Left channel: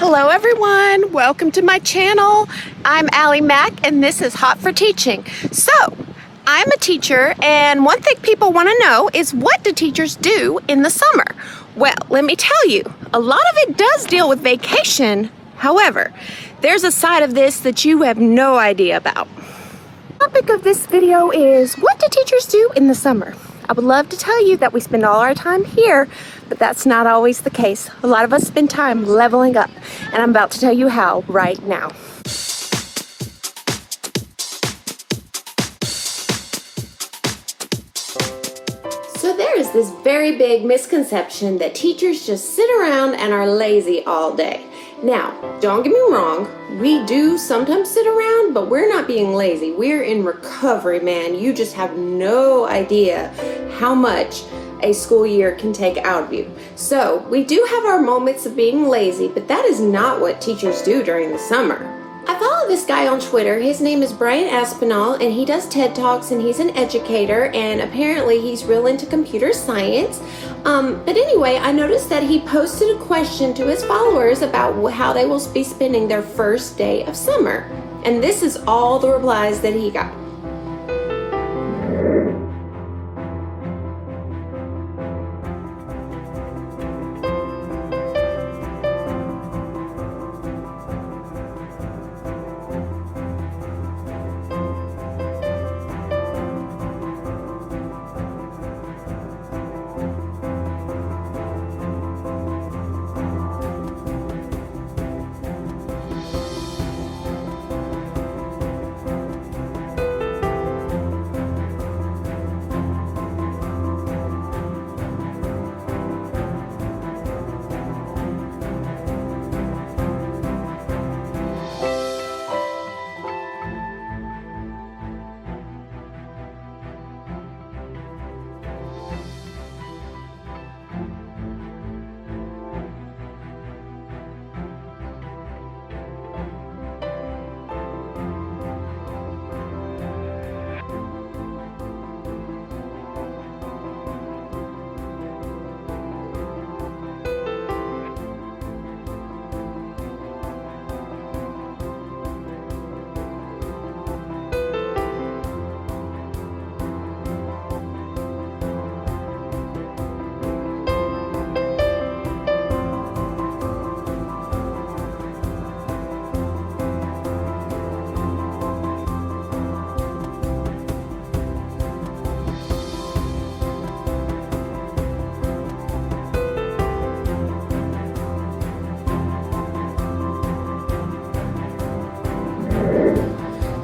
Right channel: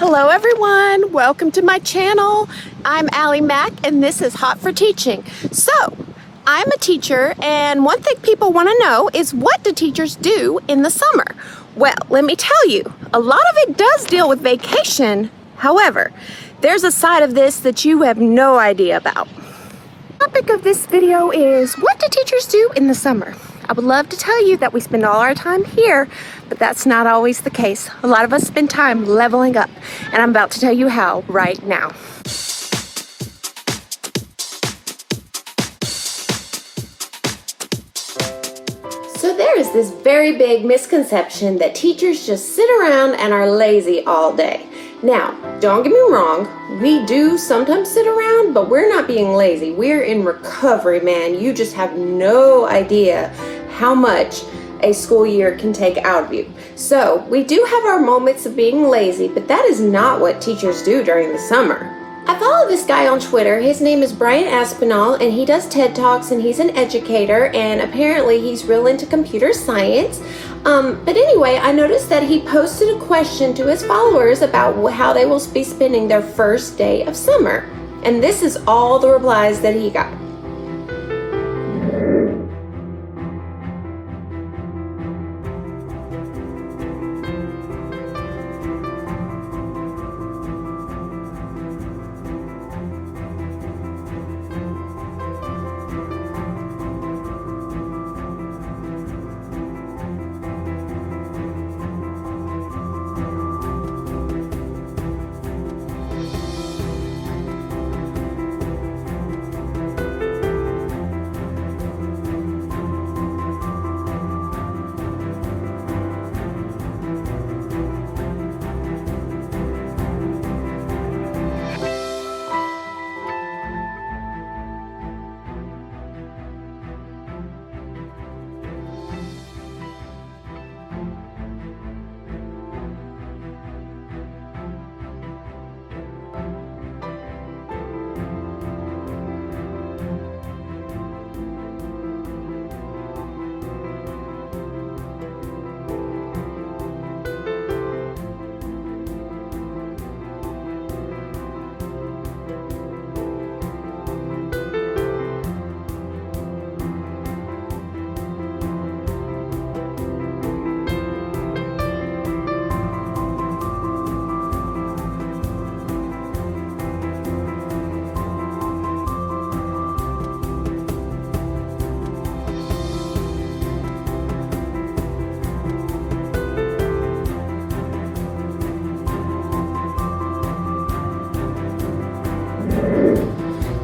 Hello everyone, welcome to my channel. I'm Allie Mack and this is Hot for Teaching. So, I'm a teacher and one thing people want to know is what do teachers do in the summer? Well, let me tell you, a lot of it does deal with vacation. However, there's a side of this that you have no idea about. The topic of this video is what do teachers do in the summer? I would love to tell you that we spend all our time here, but that's not always the case. A lot of us spend time leveling up, and I'm about to tell you how right now. So there is this very big misconception that teachers just sit around and are lazy all day. Now, don't get me wrong, we do sometimes sit around, but we're not being lazy. We're in recovery, man. You just have no idea how much a school year can take out of you. So, we do have our moments of being lazy, but that is not what teachers do during the summer. I follow this guy on Twitter. His name is Brian Aspinall, and he does TED Talks, and he's an educator, and apparently he's real into computer science. But anyway, I noticed that he posted a question to his followers about how they will be spending their first day of summer. And this is all the replies that he got.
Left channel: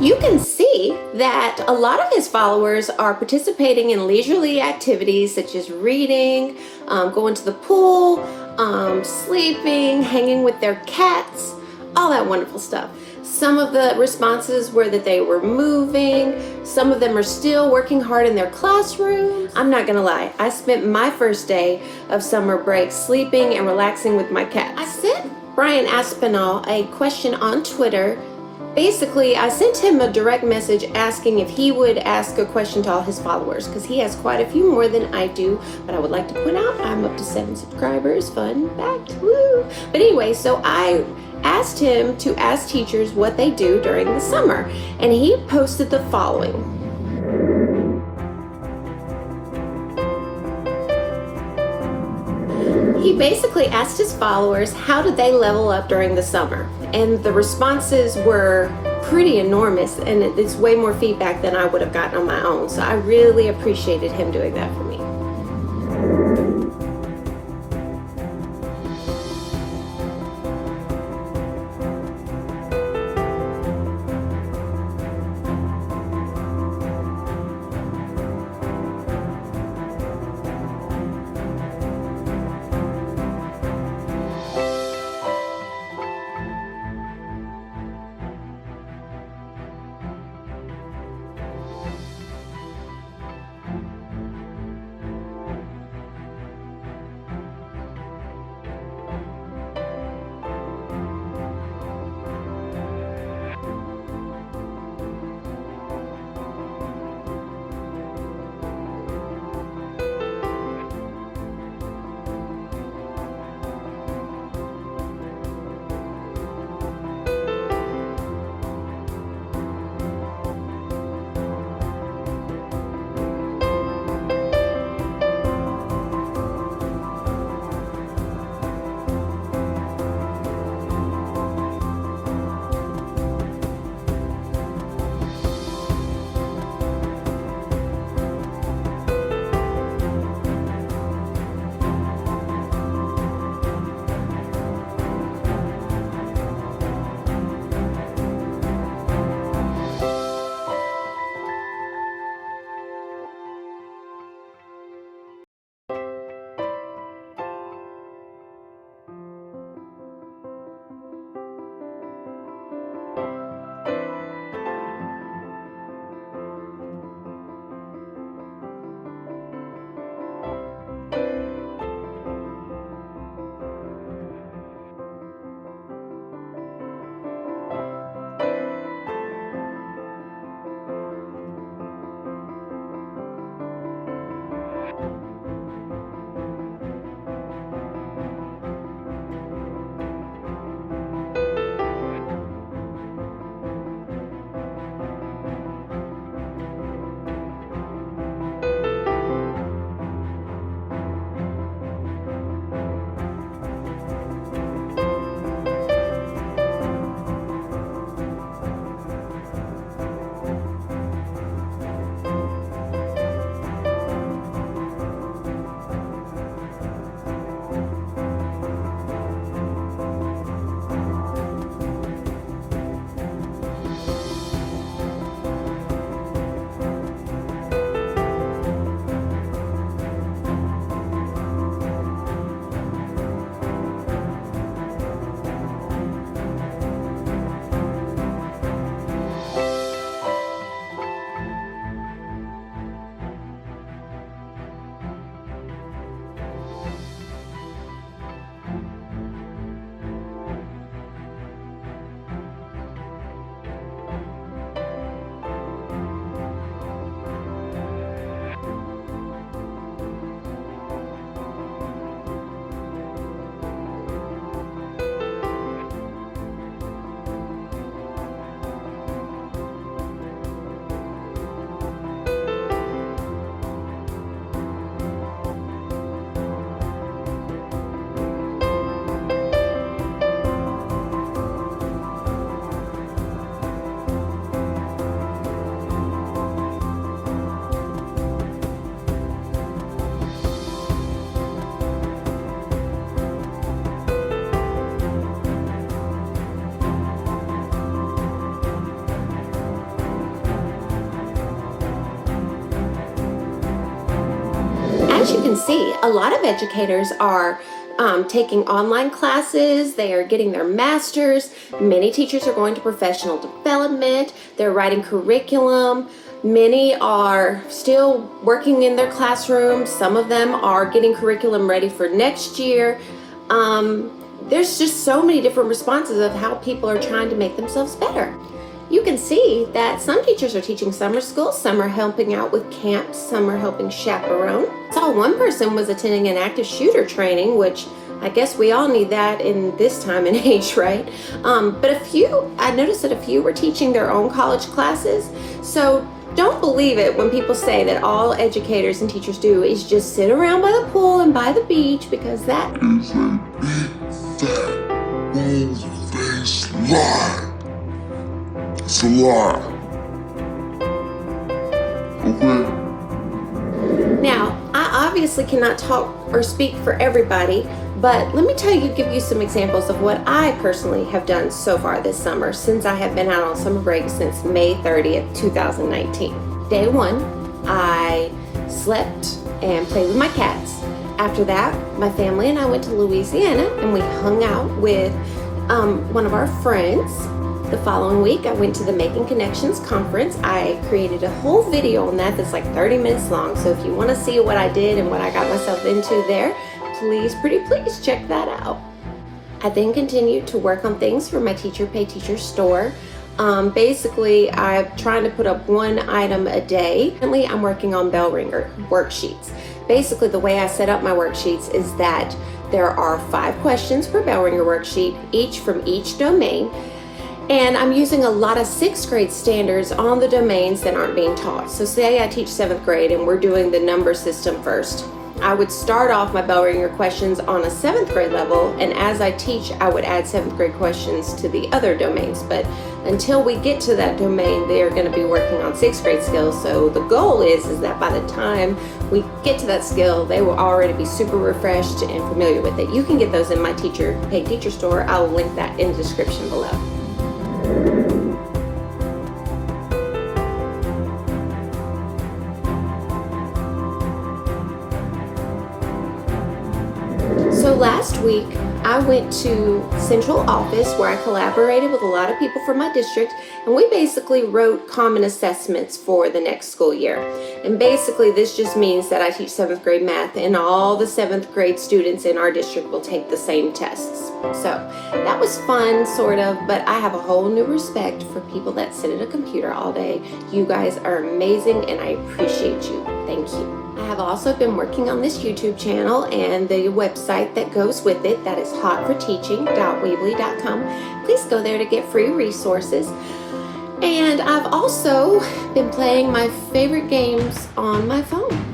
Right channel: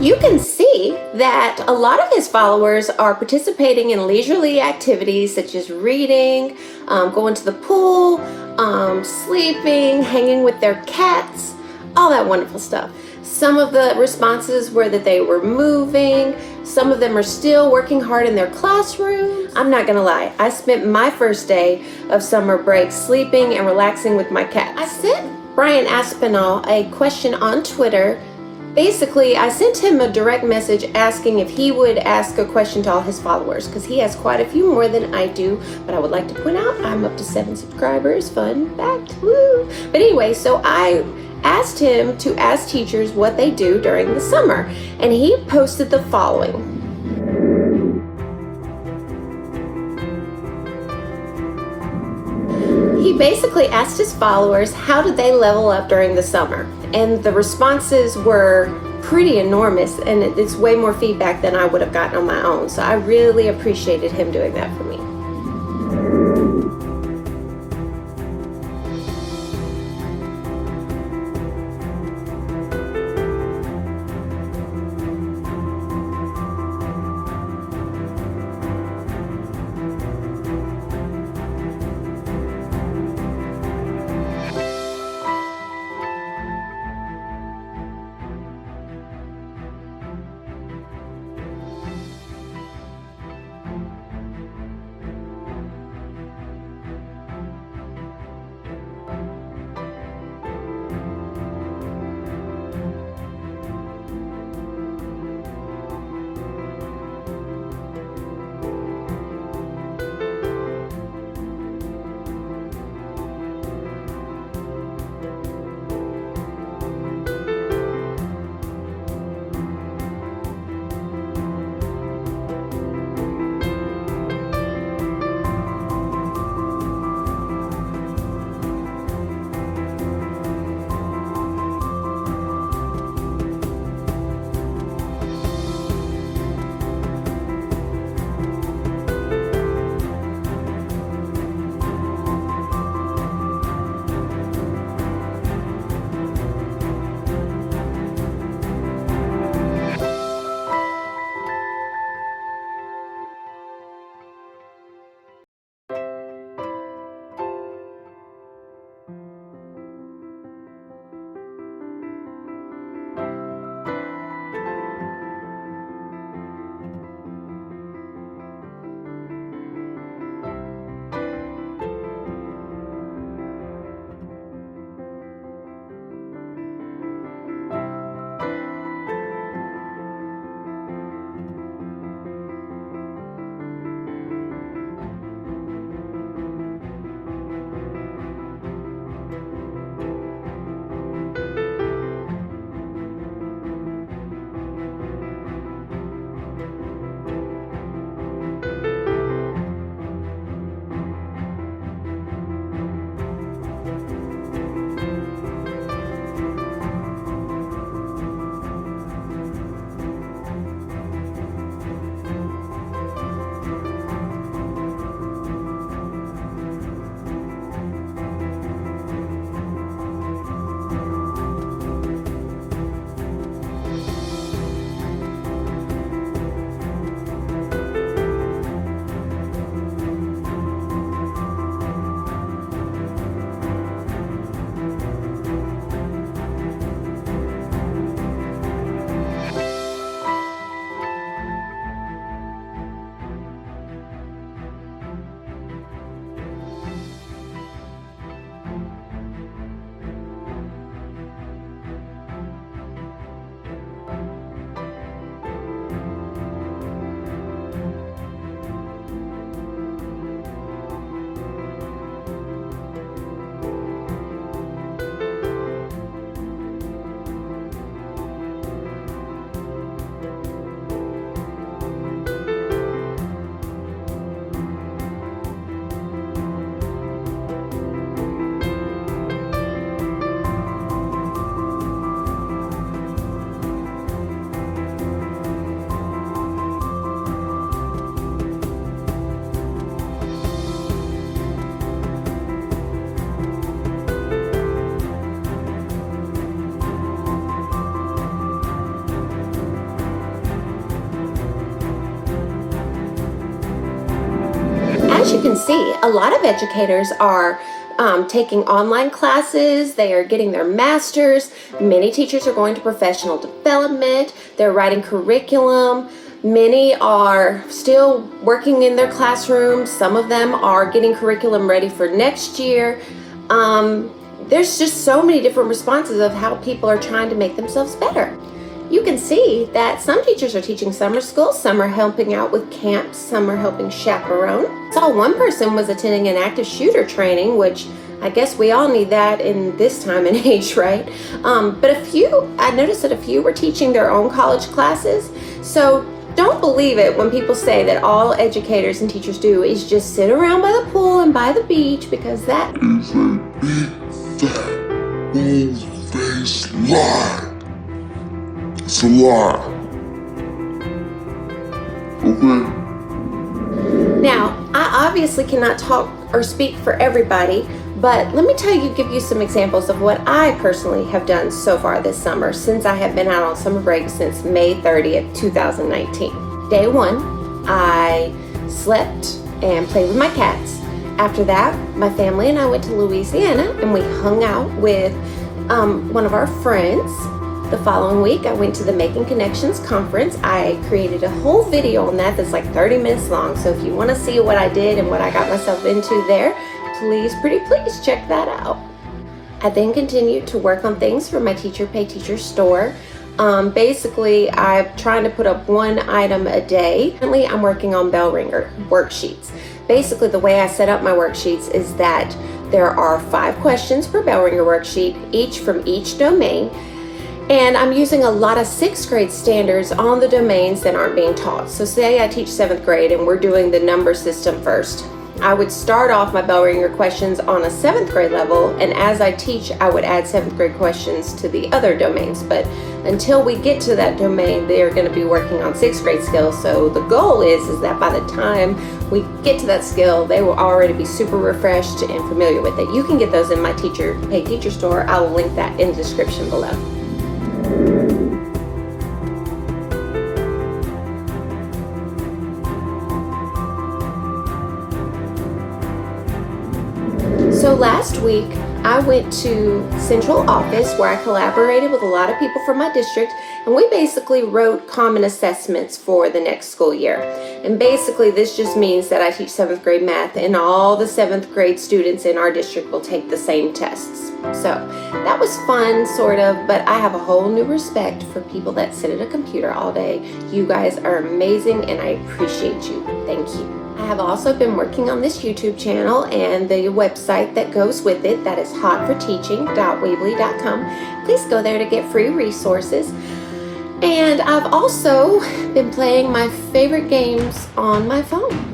You can see that a lot of his followers are participating in leisurely activities such as reading, going to the pool, sleeping, hanging with their cats, all that wonderful stuff. Some of the responses were that they were moving. Some of them are still working hard in their classrooms. I'm not gonna lie, I spent my first day of summer break sleeping and relaxing with my cat. I sent Brian Aspinall a question on Twitter. Basically, I sent him a direct message asking if he would ask a question to all his followers because he has quite a few more than I do. But I would like to point out I'm up to 7 subscribers. Fun fact, woo! But anyway, so I asked him to ask teachers what they do during the summer, and he posted the following. He basically asked his followers how did they level up during the summer, and the responses were pretty enormous, and it's way more feedback than I would have gotten on my own, so I really appreciated him doing that for me. can see a lot of educators are taking online classes. They are getting their masters. Many teachers are going to professional development. They're writing curriculum. Many are still working in their classrooms. Some of them are getting curriculum ready for next year. There's just so many different responses of how people are trying to make themselves better. You can see that some teachers are teaching summer school, some are helping out with camps, some are helping chaperone. I saw one person was attending an active shooter training, which I guess we all need that in this time and age, right? But I noticed that a few were teaching their own college classes. So don't believe it when people say that all educators and teachers do is just sit around by the pool and by the beach, because that is a big, fat, bold-faced lie. It's a lie. Okay? Now, I obviously cannot talk or speak for everybody, but let me give you some examples of what I personally have done so far this summer, since I have been out on summer break since May 30th, 2019. Day one, I slept and played with my cats. After that, my family and I went to Louisiana and we hung out with one of our friends. The following week, I went to the Making Connections conference. I created a whole video on that that's like 30 minutes long. So if you want to see what I did and what I got myself into there, please check that out. I then continued to work on things for my Teacher Pay Teacher store. Basically, I'm trying to put up one item a day. Currently, I'm working on bell ringer worksheets. Basically, the way I set up my worksheets is that there are 5 questions per bell ringer worksheet, each from each domain. And I'm using a lot of 6th grade standards on the domains that aren't being taught. So say I teach 7th grade and we're doing the number system first. I would start off my bell ringer questions on a 7th grade level, and as I teach, I would add 7th grade questions to the other domains. But until we get to that domain, they're going to be working on 6th grade skills. So the goal is that by the time we get to that skill, they will already be super refreshed and familiar with it. You can get those in my Teacher Pay Teacher store. I will link that in the description below. So last week, I went to central office where I collaborated with a lot of people from my district, and we basically wrote common assessments for the next school year. And basically this just means that I teach 7th grade math and all the 7th grade students in our district will take the same tests. So that was fun, sort of, but I have a whole new respect for people that sit at a computer all day. You guys are amazing and I appreciate you. Thank you. I have also been working on this YouTube channel and the website that goes with it, that is hotforteaching.weebly.com. Please go there to get free resources. And I've also been playing my favorite games on my phone.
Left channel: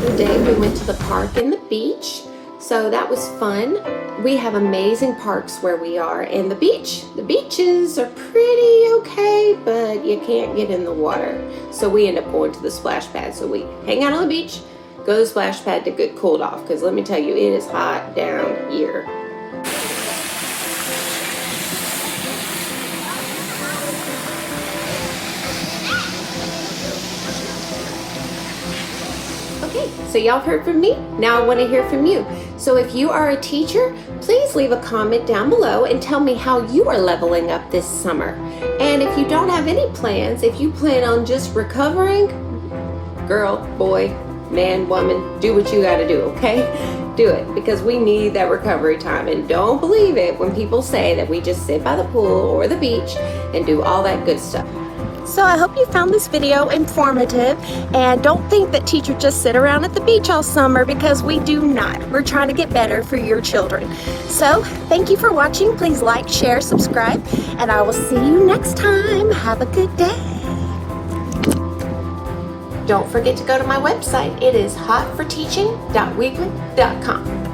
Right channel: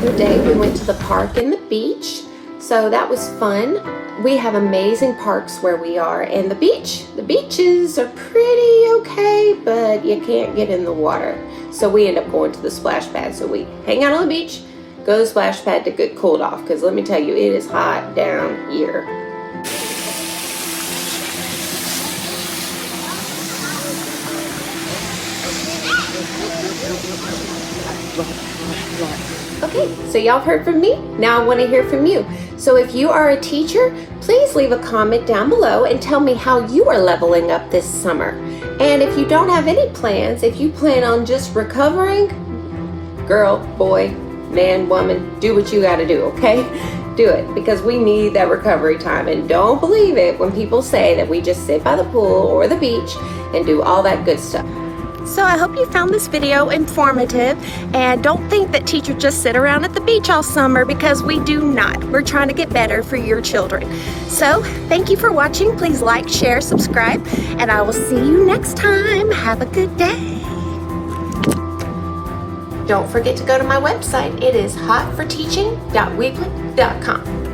the day we went to the park and the beach. So that was fun. We have amazing parks where we are, and the beaches are pretty okay, but you can't get in the water. So we end up going to the splash pad. So we hang out on the beach, go to the splash pad to get cooled off, because let me tell you, it is hot down here. Okay, so y'all heard from me. Now I want to hear from you. So if you are a teacher, please leave a comment down below and tell me how you are leveling up this summer. And if you don't have any plans, if you plan on just recovering, girl, boy, man, woman, do what you got to do, okay? Do it, because we need that recovery time. And don't believe it when people say that we just sit by the pool or the beach and do all that good stuff. So I hope you found this video informative, and don't think that teachers just sit around at the beach all summer, because we do not. We're trying to get better for your children. So thank you for watching. Please like, share, subscribe, and I will see you next time. Have a good day. Don't forget to go to my website. It is hotforteaching.weebly.com.